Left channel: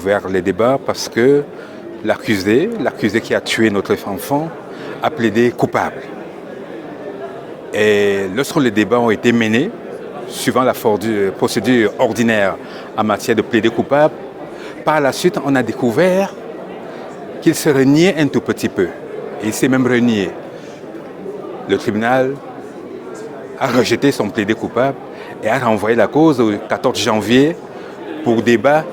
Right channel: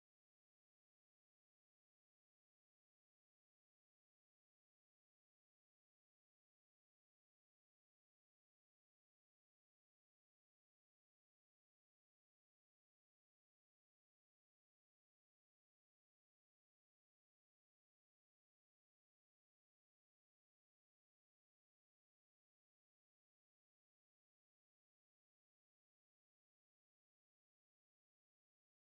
ouvert les débats parce que l'accusé qui a tué notre enfant, a plaidé coupable. Et lorsque les débats ont été menés, suivant la procédure ordinaire en matière de plaider coupable, par la suite, on a découvert qu'il se reniait un tout petit peu. Et il s'est même renié. Le tribunal a rejeté son plaidé coupable et a renvoyé la cause au 14 janvier pour débat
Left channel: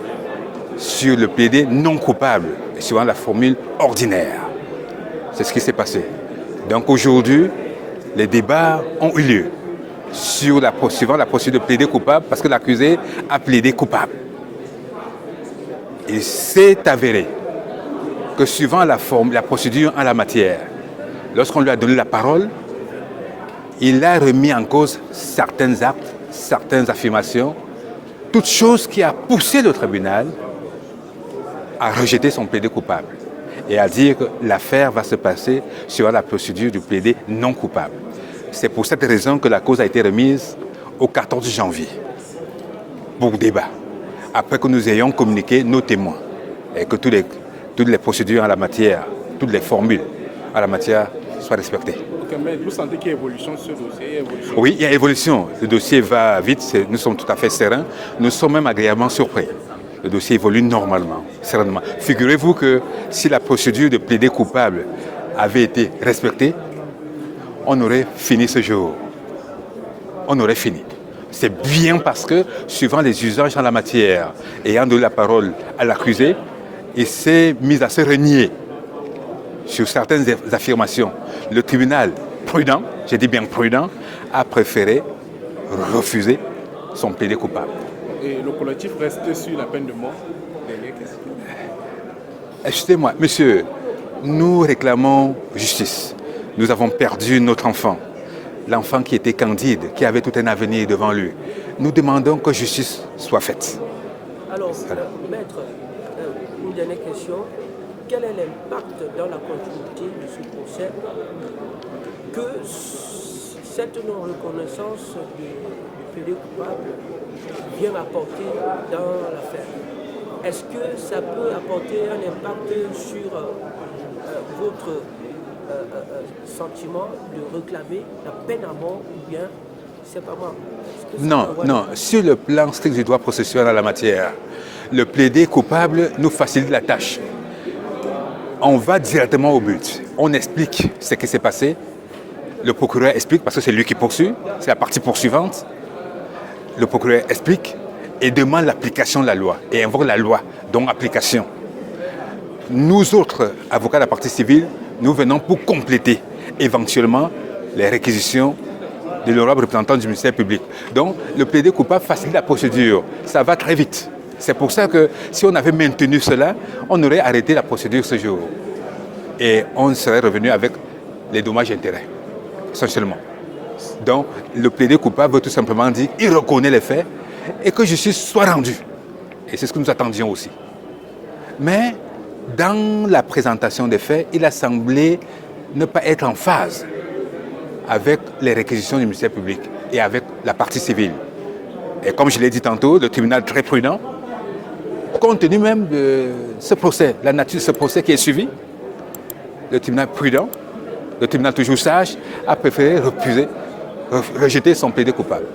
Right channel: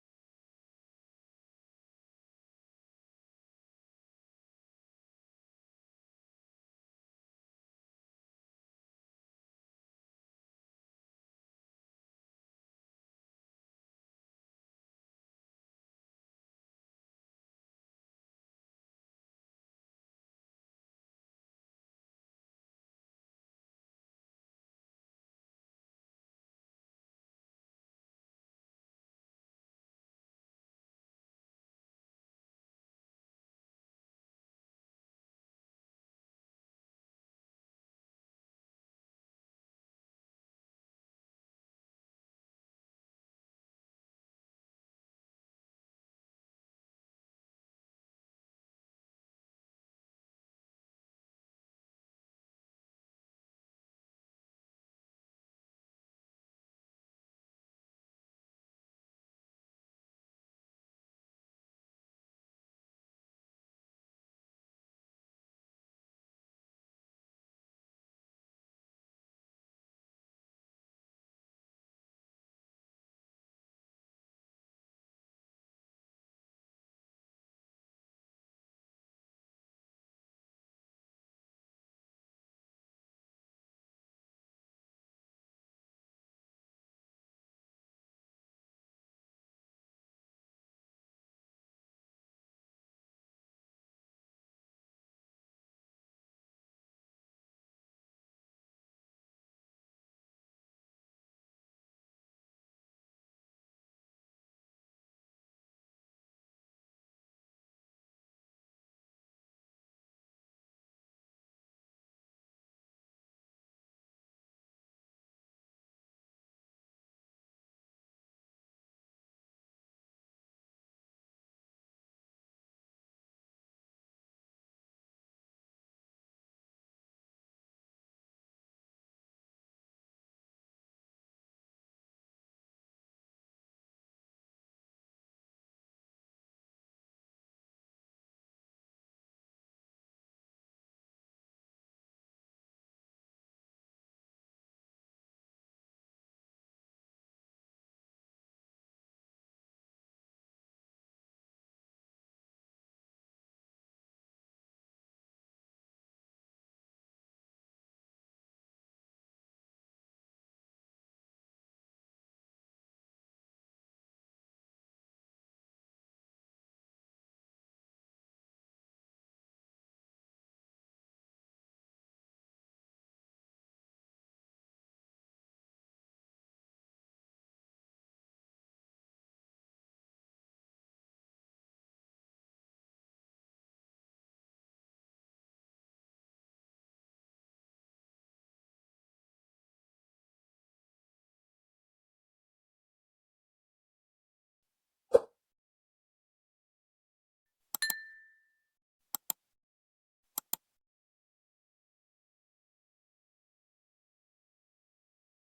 sur le plaidé non coupable, suivant la formule ordinaire. C'est ce qui s'est passé. Donc aujourd'hui, les débats ont eu lieu suivant la procédure de plaider coupable parce que l'accusé a plaidé coupable. Il s'est avéré que suivant la procédure en la matière, lorsqu'on lui a donné la parole, il a remis en cause certains actes, certaines affirmations, toute chose qui a poussé le tribunal à rejeter son plaidé coupable et à dire que l'affaire va se passer sur la procédure du plaidé non coupable. C'est pour cette raison que la cause a été remise au 14 janvier pour débat, après que nous ayons communiqué nos témoins et que toutes les procédures en la matière, toutes les formules en la matière soient respectées. Ok, mais vous sentez qu'il y a évolution sur ce dossier? Oui, il y a évolution. Le dossier va vite, nous sommes tout à fait sereins. Nous sommes même agréablement surpris. Le dossier évolue normalement, sereinement. Figurez-vous que si la procédure de plaider coupable avait été respectée, on aurait fini ce jour. On aurait fini. C'est bien parce que, suivant les usages en la matière, ayant donné la parole à l'accusé, il s'est mis à se renier sur certaines affirmations. Le tribunal, prudent, j'ai dit bien prudent, a préféré refuser son plaidé coupable. Et le collectif reste sur la peine de mort. Excusez-moi, monsieur, nous réclamons justice. Nous avons perdu notre enfant, l'enfant qui était candide, qui avait tout un avenir devant lui. Nous demandons que justice soit faite. Alors, maître, une dernière question. Quel est l'impact dans la continuité de ce procès que cette non-reconnaissance du plaidé coupable vient apporter dans l'affaire? Est-ce que ça peut apporter un impact sur votre sentiment de réclamer la peine à mort ou bien c'est pas moi? Non. Sur le plan strict du droit processuel en la matière, le plaidé coupable nous facilite la tâche. On va directement au but. On explique ce qui s'est passé. Le procureur explique, parce que c'est lui qui poursuit, c'est la partie poursuivante. Le procureur explique et demande l'application de la loi et invoque la loi, dont application. Nous autres, avocats de la partie civile, nous venons pour compléter éventuellement les réquisitions de l'honorable représentant du ministère public. Donc, le plaidé coupable facilite la procédure. Ça va très vite. C'est pour ça que si on avait maintenu cela, on aurait arrêté la procédure ce jour. Et on serait revenu avec les dommages et intérêts, essentiellement. Donc, le plaidé coupable veut tout simplement dire qu'il reconnaît les faits et que justice soit rendue. Et c'est ce que nous attendions aussi. Mais, dans la présentation des faits, il a semblé ne pas être en phase avec les réquisitions du ministère public et avec la partie civile. Et comme je l'ai dit tantôt, le tribunal très prudent, compte tenu même de ce procès, la nature de ce procès qui est suivi, le tribunal prudent, le tribunal toujours sage, a préféré rejeter son plaidé coupable.